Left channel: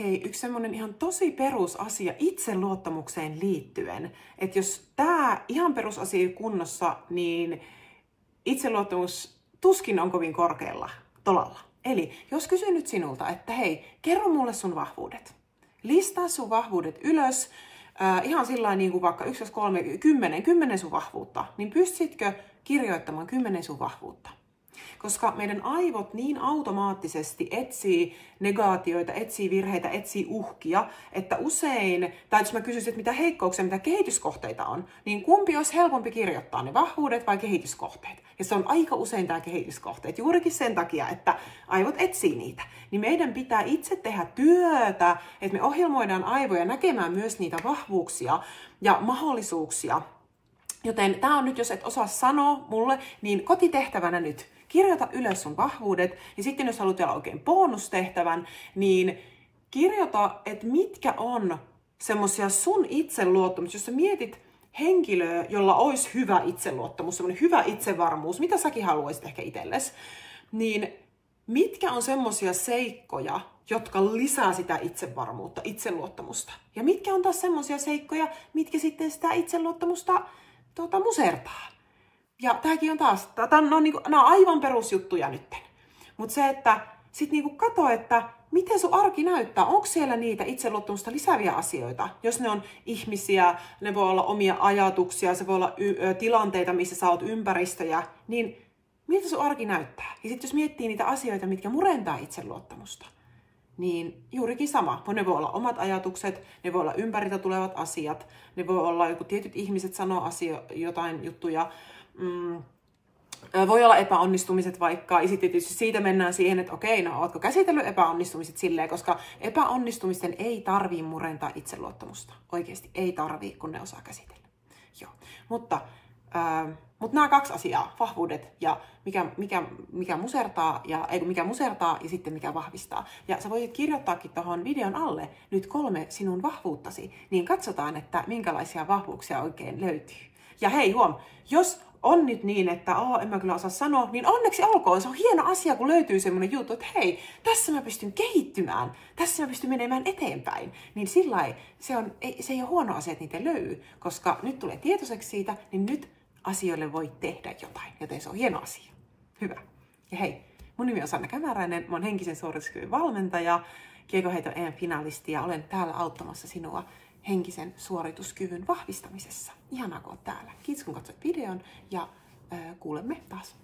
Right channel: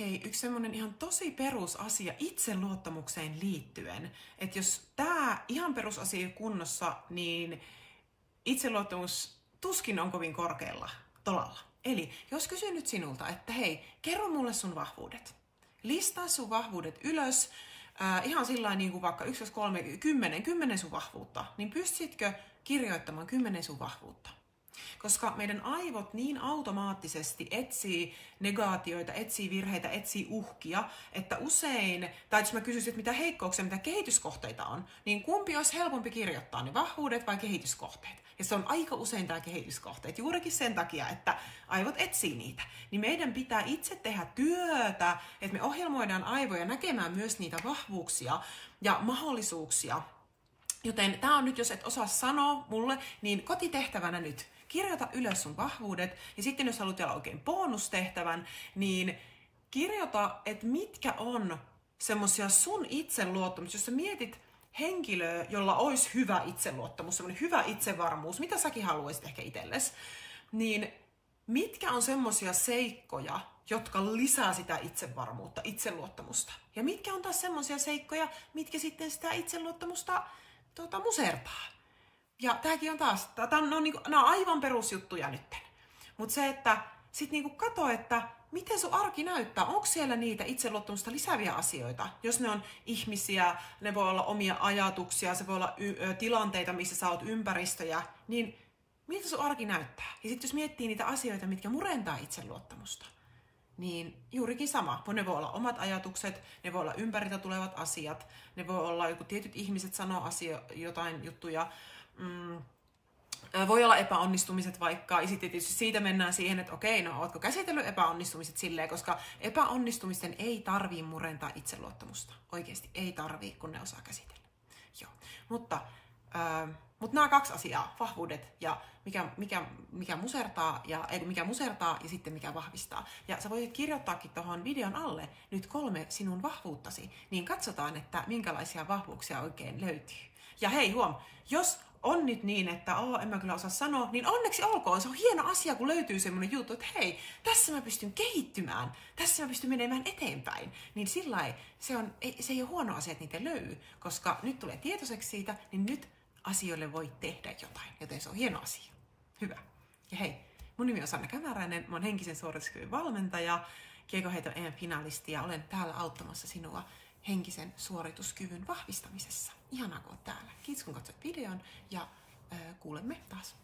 hei, yksi semmonen ihan tosi perusasia itseluottamukseen liittyen, että jos tää ihan perusasia ei kunnossa, niin itseluottamus tuskin on kovin korkealla tolalla. Eli jos kysyn nyt sinulta, että hei, kerro mulle sun vahvuudet. Listaa sun vahvuudet ylös, ihan sillä niin kuin vaikka 1, 2, 3, 10 sun vahvuutta, niin pystytkö kirjoittamaan 10 sun vahvuutta? Koska meidän aivot niin automaattisesti etsii negaatioita, etsii virheitä, etsii uhkia, että usein, tai jos mä kysyisin, että mitä heikkouksia, mitä kehityskohteita on, niin kumpi olisi helpompi kirjoittaa, ne vahvuudet vai kehityskohteet? Ja se on aika usein tämä kehityskohteet, juurikin sen takia, että aivot etsii niitä. Niin meidän pitää itse tehdä työtä, että me ohjelmoidaan aivoja näkemään myös niitä vahvuuksia ja mahdollisuuksia. Joten tämä on nyt, jos et osaa sanoa mulle, niin kotitehtävänä nyt. Kirjoita ylös sun vahvuudet, ja sitten jos haluat vielä oikein bonustehtävän, niin kirjoita, että mitkä on semmoisia sun itseluottamus. Jos sä mietit henkilöä, jolla olisi hyvä itseluottamus, semmoinen hyvä itsevarmuus, mitä säkin haluaisit ehkä itsellesi, niin mitkä on semmoisia seikkoja, jotka lisää sitä itsevarmuutta, itseluottamusta. Ja mitkä on taas semmoisia seikkoja, mitkä sitten sitä itseluottamusta musertaa. Ja tämäkin on taas, nämä on aivan perusjuttuja nytten. Mutta se, että sit niinku kato, että miten sun arki näyttää, onko siellä niitä itseluottamusta lisääviä asioita. Jos ne on ihmisiä, ne voi olla omia ajatuksia, se voi olla tilanteita, missä sä oot ympäristöjä, niin miltä sun arki näyttää? Ja sitten jos miettii niitä asioita, mitkä murentaa itseluottamusta, niin juurikin sama. Ne voi olla omat ajatukset, ne voi olla ympäriltä tulevat asiat, ne voi olla joku tietyt ihmiset sanoo jotain juttuja, voi olla epäonnistumiset vaikka, ja sitten tietysti siitä mennään siihen, että okei, no ootko käsitellyt epäonnistumiset silleen, koska epäonnistumisten ei tarvii murentaa itseluottamusta. Oikeasti ei tarvii, kun ne osaa käsitellä. Joo. Mutta nämä 2 asiaa, vahvuudet ja mikä musertaa ja sitten mikä vahvistaa. Ja sä voit kirjoittaakin tuohon videon alle nyt 3 sinun vahvuuttasi, niin katsotaan, että minkälaisia vahvuuksia oikein löytyy. Ja hei huom, jos on nyt niin, että en mä kyllä osaa sanoa, niin onneksi olkoon. Se on hieno asia, kun löytyy semmoinen juttu, että hei, tässä mä pystyn kehittymään, tässä mä pystyn menemään eteenpäin. Niin sillai, se ei ole huono asia, että niitä löytyy, koska nyt tulee tietoiseksi siitä, niin nyt asioille voi tehdä jotain, joten se on hieno asia. Hyvä. Ja hei, mun nimi on Sanna Kämäräinen, mä oon henkisen suorituskyvyn valmentaja, Kiekoheito EM-finalisti ja olen täällä auttamassa sinua henkisen suorituskyvyn vahvistamisessa. Ihanaa, kun oot täällä. Kiitos, kun katsoit videon ja kuulemme taas.